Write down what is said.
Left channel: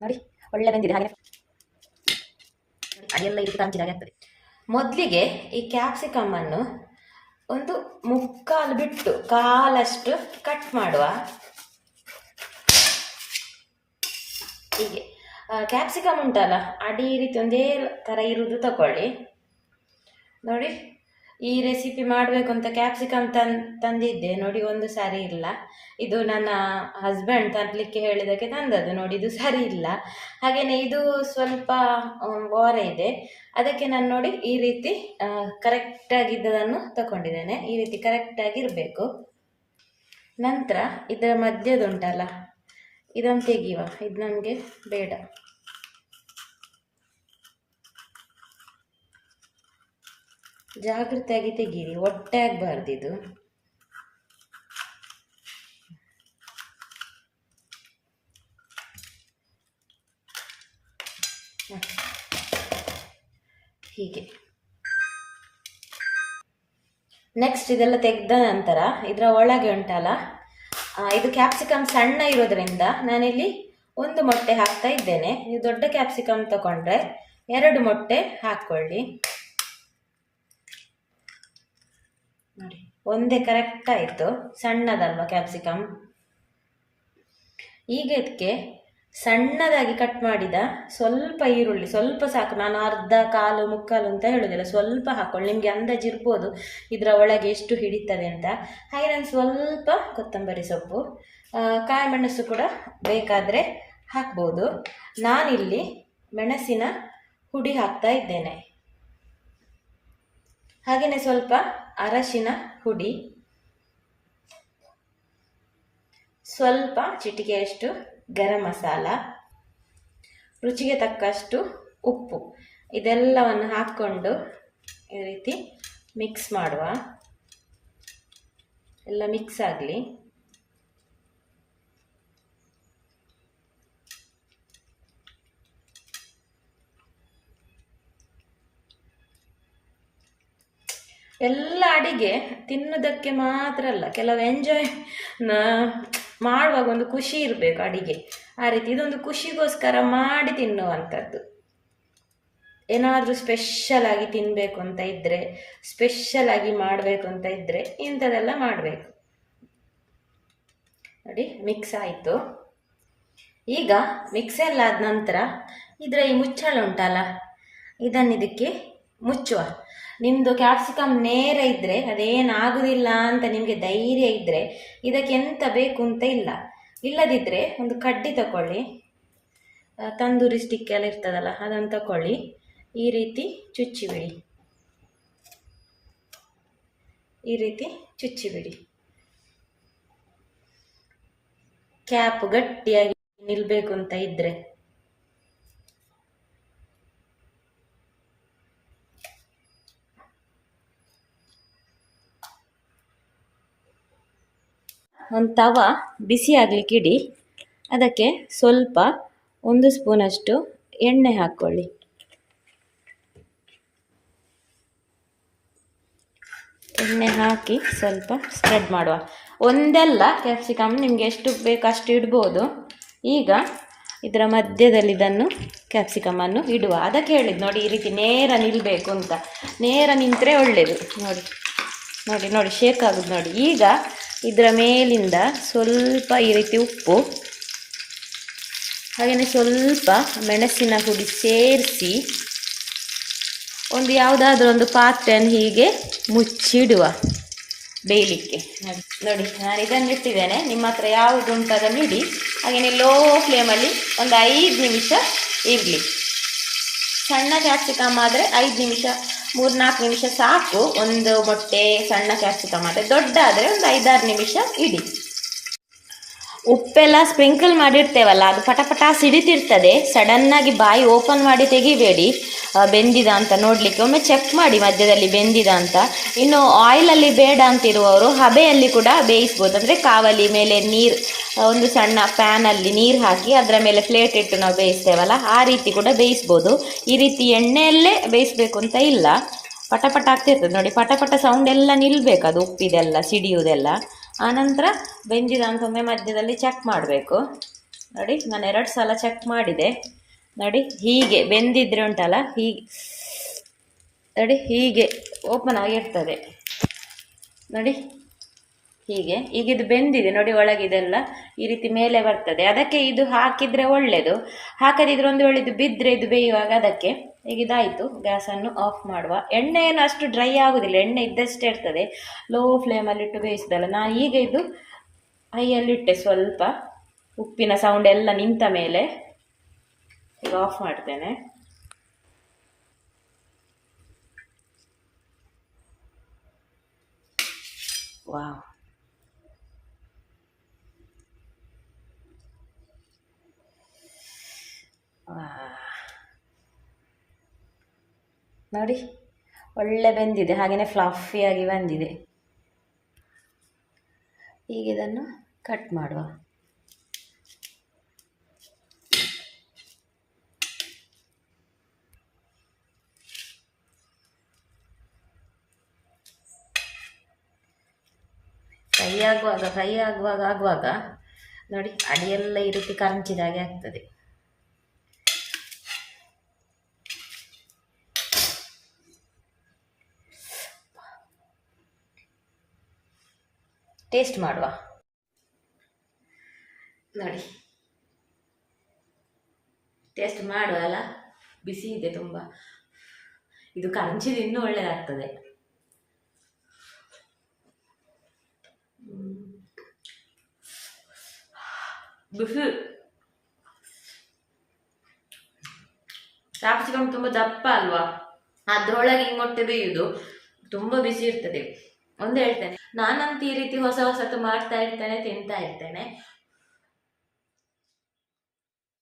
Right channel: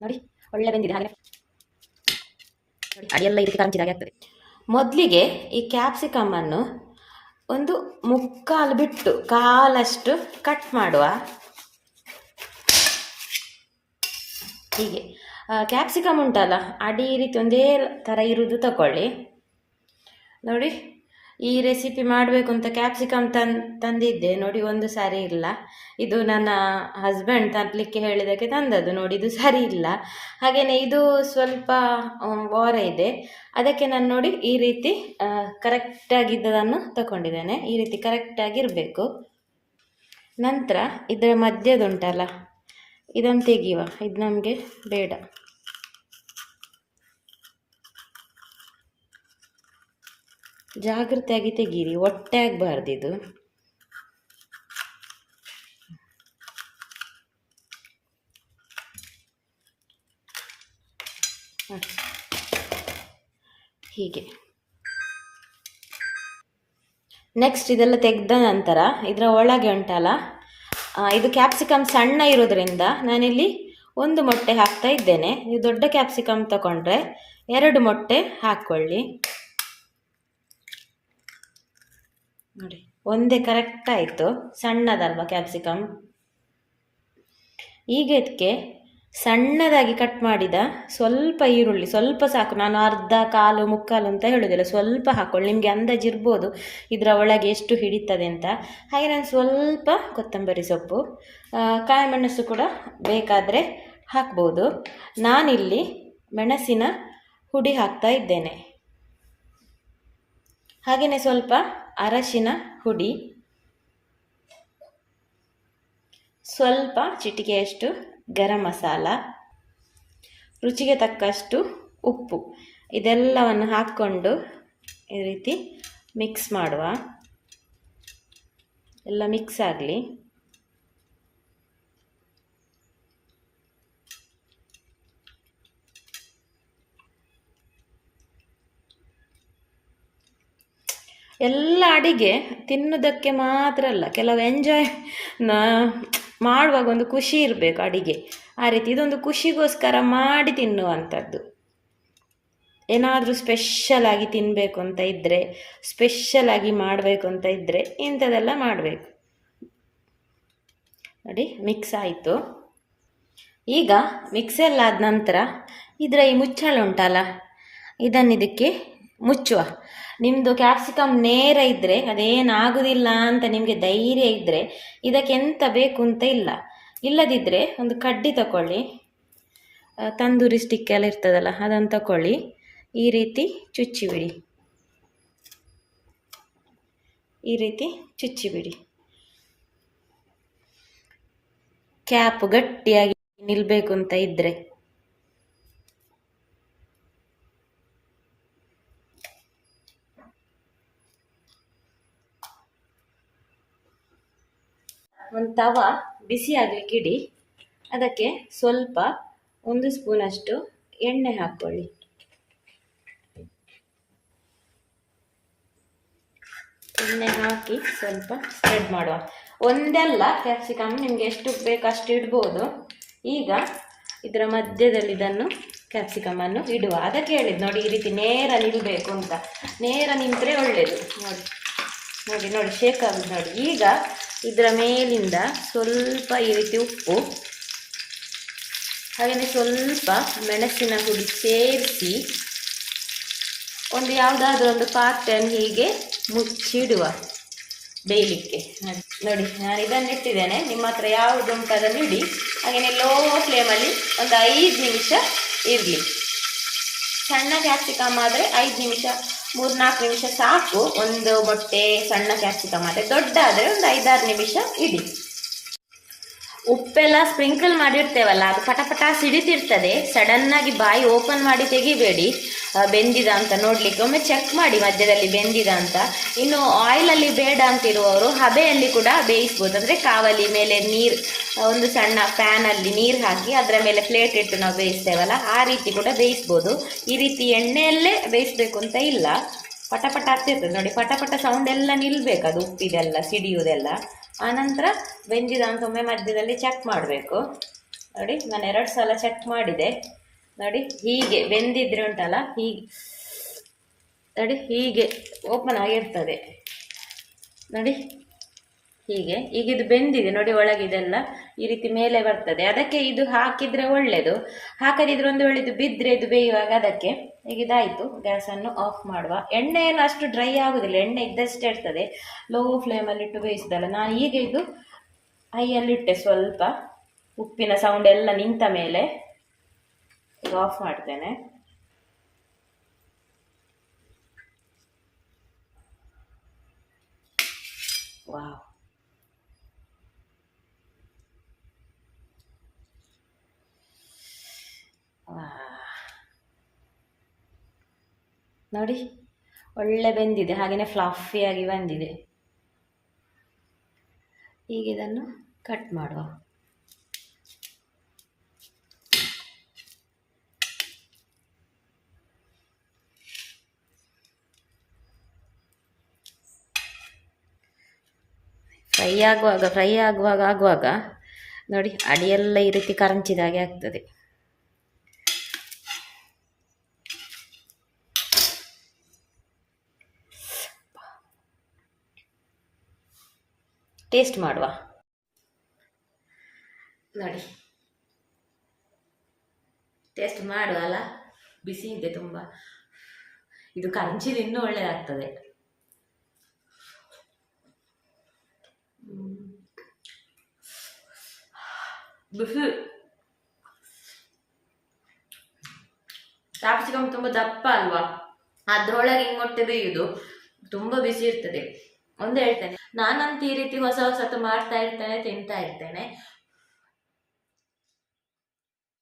ನೋಡಿ, ಒಳ್ಳೆ ಬಂದಿದೆ ಹಾಗೆ ನೋಡಿ ಅಡಿಯೆಲ್ಲ ಇದಕ್ಕೆ ಹಾಗೆ ಆಗ್ತದೆ. ಮೊದಲಿಗೆ ಈ ಕ್ಯಾಪ್ಸಿಕಮ್ ಅನ್ನು ಒಂದು ಮುಕ್ಕಾಲು ಬಿಟ್ಟು ಕಾಲಷ್ಟು ಕಟ್ ಮಾಡುವ. ಹೀಗೆ. ಕ್ಯಾಪ್ಸಿಕಮ್ ಉಂಟಲ್ಲ ಅಡಿ ರೀತಿ ಒಂದೇ ಥರ ಇರುವುದು ತಗೊಳ್ಳಿ ನೋಡಿ. ಈ ರೆಸಿಪಿ ಮಾಡಬೇಕು ಅಂತ ಕ್ಯಾಪ್ಸಿಕಮ್ ತನ್ ತಂದಿದ್ದೆ. ನೋಡಿ, ಒಂದು ಸಾರಿ ಇಲ್ಲ. ಇದು ನನ್ನ ಹಸ್ಬೆಂಡ್ ತರಲಿಕ್ಕೆ ಹೇಳಿದಕ್ಕೆ ತಂದದ್ದು. ನೋಡಿ, ಇದು ಸರಿ ಇಲ್ಲ. ಹಾಗೆಯೇ ಇದು ಸ್ವಲ್ಪ ವಾರ ಇದೆ. ಅದಕ್ಕೆ ನಾನು ನೋಡಿ ಈ ರೀತಿ ಕರೆಕ್ಟಾಗಿದ್ದದನ್ನು ತಗೊಂಡಿದ್ದೇನೆ ಈ ರೀತಿ ಕರೆಕ್ಟಾಗಿರಬೇಕು ನಂತರ ಇದರ ಮಧ್ಯದುಂಟಲ್ಲ, ಇದನ್ನು ತೆಗೆಯುವ. ಇದು ನಮಗೆ ಬೇಡ. ಜಾಗ್ರತೆಯಾಗಿ ತೆಗೀರಿ ಒಟ್ಟೆ ಆಗಬಾರ್ದು ಇದು. ಹೀಗೆ. ನೆಕ್ಸ್ಟ್ ಇದೆಲ್ಲ ತೆಗೆದ ನಂತರ ಇದರ ಒಳಗೆ ಉಂಟಲ್ಲ ಇದು ಕ್ಯಾಪ್ಸಿಕಮ್ ಸಣ್ಣ ಇರೋದ್ರಿಂದ ನಾನಿಲ್ಲಿ ಒಂದು ಮೊಟ್ಟೆ ಹಾಕ್ತಾ ಇದ್ದೇನೆ. ನೀವು ದೊಡ್ಡ ಕ್ಯಾಪ್ಸಿಕಮ್ ತಗೊಂಡ್ರೆ ಎರಡು ಮೊಟ್ಟೆ ಹಾಕ್ಕೊಳ್ಳಿ. ಒಂದೇ ಕರೆಕ್ಟ್ ಆಯಿತು. ಸಣ್ಣದಲ್ವಾ ಕ್ಯಾಪ್ಸಿಕಮ್ ಈಗ ಇದಕ್ಕೆ ಸಣ್ಣದಾಗಿ ಕಟ್ ಮಾಡಿದ ಸ್ವಲ್ಪ ಈರುಳ್ಳಿ, ಸ್ವಲ್ಪ ಸಾಕು. ನಾನು ಅರ್ಧ ಕಾಲು, ಮುಕ್ಕಾಲು ಅಂತ ಹೇಳೋದಿಲ್ಲ. ಸ್ವಲ್ಪ ಹಾಕೊಳ್ಳಿ. ನಿಮಗೆ ಅಂದಾಜು ಇರ್ಬೋದು ಇದರ ಒಳಗೆ ಎಷ್ಟು ಹಿಡಿತದೆ ಅಂತ. ಹಾಗೆ ನಾನು ಸ್ವಲ್ಪ ಕೊತ್ತಂಬರಿ ಸೊಪ್ಪು ಕಾಯಿ ಮೆಣಸು ಕೂಡ ಬೇಕಾದರೆ ಹಾಕ್ಬೋದು. ನಾನಿಲ್ಲಿ ಮೆಣಸಿನ ಹುಡಿ ಹಾಕ್ತಾ ಇದ್ದೇನೆ. ಹಾಗೆಯೇ ಸ್ವಲ್ಪ ಅರಶಿನ ಹುಡಿ. ಸ್ವಲ್ಪ ಚಿಟಿಕೆಯಷ್ಟು ಗರಂ ಮಸಾಲ. ರುಚಿಗೆ ತಕ್ಕಷ್ಟು ಉಪ್ಪು. ಇದೆಲ್ಲವನ್ನು ಹಾಕ್ಕೊಂಡು ಈ ರೀತಿ ಮಿಕ್ಸ್ ಮಾಡುವ. ಎಲ್ಲ ಮಿಕ್ಸ್ ಆಗಲಿ. ಎಲ್ಲ ಅಡಿಗೆ ತಿನ್ನೋದಕ್ಕೆ ಮಾತ್ರ ಅಲ್ಲ, ಕೆಲವು ಎಂಜಾಯ್ ಮಾಡುವಾಗ ಒಂದು ಖುಷಿ ಇರಬೇಕು ಅಡಿಗೆ. ಆ ರೀತಿ ಇದೊಂದು ಖುಷಿಗೋಸ್ಕರ ಮಾಡಿ ತಿನ್ನುವಂಥದ್ದು. ಏನಾದರೂ ಸ್ಪೆಷಲ್ ಆಗಿ ತಿನ್ನಬೇಕು ಅಂತ ಇದ್ದರೆ ಸ್ಪೆಷಲ್ ಆಗಿ ಮಾಡಬೇಕು ಅಂತ ಇದ್ದರೆ ಇಂಥದ್ದೆಲ್ಲ ಮಾಡಬೇಕು. ನೋಡಿ ಮಿಕ್ಸ್ ಆಯಿತು. ಈಗ ಮಿಕ್ಸ್ ಎಲ್ಲ ಆದ ನಂತರ ಇದರ ಈ ಮುಚ್ಚಳ ಉಂಟಲ್ಲ ಇದನ್ನು ಇದಕ್ಕೆ ಮುಚ್ಚುವ. ನಿಮ್ಮದು ಕ್ಯಾಪ್ಸಿಕಮ್ ನೇರ ಇದ್ದರೆ ಅದೇನಾಗೋದಿಲ್ಲ ಅಂತ ನಿಮಗೆ ಧೈರ್ಯ ಇದ್ದರೆ ಇದಕ್ಕೆ ಎಂತ ಬೇಕು ಅಂತ ಇಲ್ಲ. ಇಲ್ಲದಿದ್ದರೆ ಒಂದು ಕಡ್ಡಿ ತಗೊಳ್ಳಿ ತಂದೂರಿ ಸ್ಟಿಕ್ ಎಲ್ಲ ಇರ್ತದಲ್ಲ ಅದನ್ನು ತಗೊಳ್ಳಿ ಈ ರೀತಿ ಚುಚ್ಚಿಬಿಡಿ. ಈ ರೀತಿ ಚುಚ್ಚಿಬಿಡಿ. ಕ್ಯಾಪ್ ಗಟ್ಟಿಯಾಗಿ ನಿಲ್ಲಬೇಕು ಅಂತ ಇದ್ದರೆ ಒಂದು ತವ ಬಿಸಿ ಆಗಲಿಕ್ಕೆ ಇಡಿ. ಅದಕ್ಕೆ ಸ್ವಲ್ಪ ಒಂದು ಸ್ಪೂನಷ್ಟು ಎಣ್ಣೆ ಹಾಕ್ಕೊಳ್ಳಿ. ಎಣ್ಣೆ ಹಾಕಿ ಸ್ವಲ್ಪ ಸ್ಪ್ರೆಡ್ ಮಾಡುವ. ಒಂದೆಲ್ಲ ಕ್ಯಾಪ್ಸಿಕಮ್ ನಿಮಗೆ ಎಷ್ಟು ಬೇಕು ಅಷ್ಟು ಇಡ್ಬೋದು. ಈಗ ಇದರ ಮಧ್ಯದಲ್ಲಿ ಇದನ್ನು ಕ್ಯಾಪ್ಸಿಕಮನ್ನು ಇಡುವ. ಅದಕ್ಕೆ ಹೇಳಿದ್ದು ನೋಡಿ ಈ ರೀತಿ ನೇರ ನಿಲ್ಲಬೇಕು ಅಂತ. ನೇರ ನಿಂತರೆ ಒಳ್ಳೆಯದು ನೋಡಿ ನೋಡಿ ನೋಡಿ ಶೇಕ್ ಆಗೋದು ನೋಡಿ. ಈಗ ಇದರ ಮೇಲಿಂದ ಸ್ವಲ್ಪ ಈ ರೀತಿ ಉಪ್ಪು ಹಾಗೆಯೇ ಸ್ವಲ್ಪ ಮೆಣಸಿನ ಹುಡಿ ಸೇರಿಸಿ ಒಂದು ಯಾವುದಾದ್ರೂ ಒಂದು ಪಾತ್ರೆಯನ್ನು ಹೀಗೆ ಮುಚ್ಚಿಡುವ ಬೇಯಲಿಕ್ಕೆ. ನೋಡಿ, ನಾನು ಇದನ್ನು ಇಟ್ಟಿದ್ದೇನೆ. ನಿಮ್ಮ ಹತ್ರ ಯಾವುದು ಉಂಟು ಅದನ್ನು ಇಡಿ. ಹಾಗೆಯೇ ಲೋ ಫ್ಲೇಮಲ್ಲಿ ಒಂದು ಐದು ನಿಮಿಷ ಇರಲಿ ಸಣ್ಣ ಕ್ಯಾಪ್ಸಿಕಮ್ ಆದರೆ ಐದು ನಿಮಿಷ ಮೂರು ನಾಲ್ಕು ನಿಮಿಷ ಸಾಕು. ಒಂದು ಮೊಟ್ಟೆ, ಸಣ್ಣ ಕ್ಯಾಪ್ಸಿಕಮ್ ಆದರೆ ದೊಡ್ಡ ಆದರೆ ಒಂದು ಐದಾರು ನಿಮಿಷ ಇಡಿ. ಉಪ್ಪೆಲ್ಲ ಸ್ಪ್ರಿಂಕಲ್ ಮಾಡಿರ್ತೇವಲ್ಲ, ಅದು ಪಟಪಟ ಸಿಡಿತಿರ್ತದೆ. ಸಡನ್ನಾಗಿ ಬಾಯಿ ಓಪನ್ ಮಾಡಿ ತೆಗಿಬೇಡಿ. ಬೆಂದಿದ ಅಂತ ನೋಡಲಿಕ್ಕೆ. ಒಮ್ಮೆ ಚೆಕ್ ಮಾಡಿ ಮಧ್ಯದಲ್ಲಿ ಬೆಂದಿದ ಅಂತ. ಇನ್ನು ಆಯಿಲಲ್ಲಿ ಬೇಡ ಅಂತಿರುವವರು ಹಬೆಯಲ್ಲಿ ಕೂಡ ಬೇಯಿಸ್ಬೋದು. ಅಂದರೆ ಕಾವಲಿ ಮೇಲೆ ನೀರು ಒಂದು ಸಣ್ಣ ಪ್ಯಾನಲ್ಲಿ ನೀರು ಹಾಕಿ ಅದರ ಮೇಲೆ ಪ್ಲೇಟ್ ಇಟ್ಟು ನಾವು ಬೇಯಿಸ್ತೇವಲ್ಲ, ಆ ರೀತಿ ಕೂಡ ಬೇಯಿಸ್ಬೋದು. ಈ ರೀತಿ ಎಣ್ಣೆಯಲ್ಲೇ ಬೇಯಿಸ್ಬೇಕು ಅಂತ ಇಲ್ಲ. ಪಟಪಟ ಪಟ ಆಗ್ತಿರ್ತದೆ. ನೋಡಿ ಪಟ ಪಟ ಸೌಂಡ್ ಎಲ್ಲ ನಿಲ್ಲಬೇಕು ಅದು ಉಪ್ಪಿದೆಲ್ಲ ಸಿಡಿಯುವುದೆಲ್ಲ ಆನಂತರ ಬೆಂದಿದ ಅಂತ ಒಮ್ಮೆ ಮಧ್ಯದಲ್ಲಿ ಚೆಕ್ ಮಾಡಬೇಕು. ನೋಡಿ, ನಾನು ಎರಡು ಸಲ ಚೆಕ್ ಮಾಡಿದೆ. ನೋಡಿ, ಹೀಗೆ ಬೆಂದಿದ್ರೆ ಉಂಟಲ್ಲ ಹೀಗೆ ನೋಡಿ, ಹೀಗೆ ಓಪನ್ ಆಗಿರ್ತದೆ. ನೋಡಿ ಹೀಗೆ, ಈಗ ಇದು ಬೆಂದಿದೆ, ನೋಡಿ ಒಳಗಿದೆಲ್ಲ ಈ ರೀತಿ ಮೇಲೆ ಬರ್ತದೆ. ಅದಕ್ಕೆ ಇದು ಹಾಕಿದರೆ ಒಳ್ಳೆಯದು ಹಾಕದಿದ್ರೆ ಒಂದು ವೇಳೆ ಇದು ಬಿದ್ದರೆ ಇದು ಬೇಯುವಾಗ ಅದಕ್ಕೆ ಈಗ ಇದಾಯಿತು. ಗ್ಯಾಸನ್ನು ಆಫ್ ಮಾಡುವ. ಎಣ್ಣೆ ಏನು ಅಷ್ಟು ಡ್ರೈ ಆಗೋದಿಲ್ಲ. ಎಣ್ಣೆ ಇದ್ದಷ್ಟೇ ಇರ್ತದೆ. ಲೋ ಫ್ಲೇಮಲ್ಲಿಟ್ಟು ಬೇಯಿಸಿದಲ್ಲ. ನಾನು ಈಗ ಇದು ಹೈಯಲ್ಲಿಟ್ಟೆ ಸ್ವಲ್ಪ. ಉಪ್ಪಿನ ಸೌಂಡ್ ಎಲ್ಲ ನಿಂತ ಮೇಲೆ ಈಗ ಆಫ್ ಮಾಡ್ತೇನೆ. ವಾವ್. ನೋಡಿ. ಒಳ್ಳೆ ಬೆಂದಿದೆ ಹಾಗೆಯೇ ಫ್ಲಫಿಯಾಗಿ ಬಂದಿದೆ. ಈಗ ಇದನ್ನು ಕಟ್ ಮಾಡುವ. ಫ್ರೈ ಆಗುವಾಗ ಫ್ರೈ ಆಗುವಾಗ ಆಗುವಾಗ, ನೋಡಿ, ಅಡಿಯೆಲ್ಲ ಈ ರೀತಿ ಕರಂಚಿದ ಹಾಗೆ ಆಗ್ತದೆ. ಟೇಸ್ಟ್ ಮಾಡುವ. ನೋಡಿ. ಟೇಸ್ಟ್ ಮಾಡುವ ಅಲ್ಲ? ಬಿಸಿ ಇದೆ ತುಂಬ. ಇದು ಕರಂಚಿದ ಇನ್ನೂ ಒಳ್ಳೆಯದಾಗ್ತದೆ. ಬಿಸಿ. ಕ್ಯಾಪ್ಸಿಕಮ್ ತುಂಬ ದಪ್ಪ ಅಲ್ವಾ? ಅದರೊಳಗೆ ಹಿಂಗೊಟ್ಟೆ ಬೇಯುದು ತುಂಬ ಬಿಸಿ ಇರ್ತದೆ. ಒಂದು ಹೇಳ್ತೇನೆ. ನಾನಂತೂ ಈ ರೀತಿ ಹೊಸ ಹೊಸತು ಮಾಡ್ತಾ ಇರ್ತೇನೆ ತಿಂತಾ ಇರ್ತೇನೆ.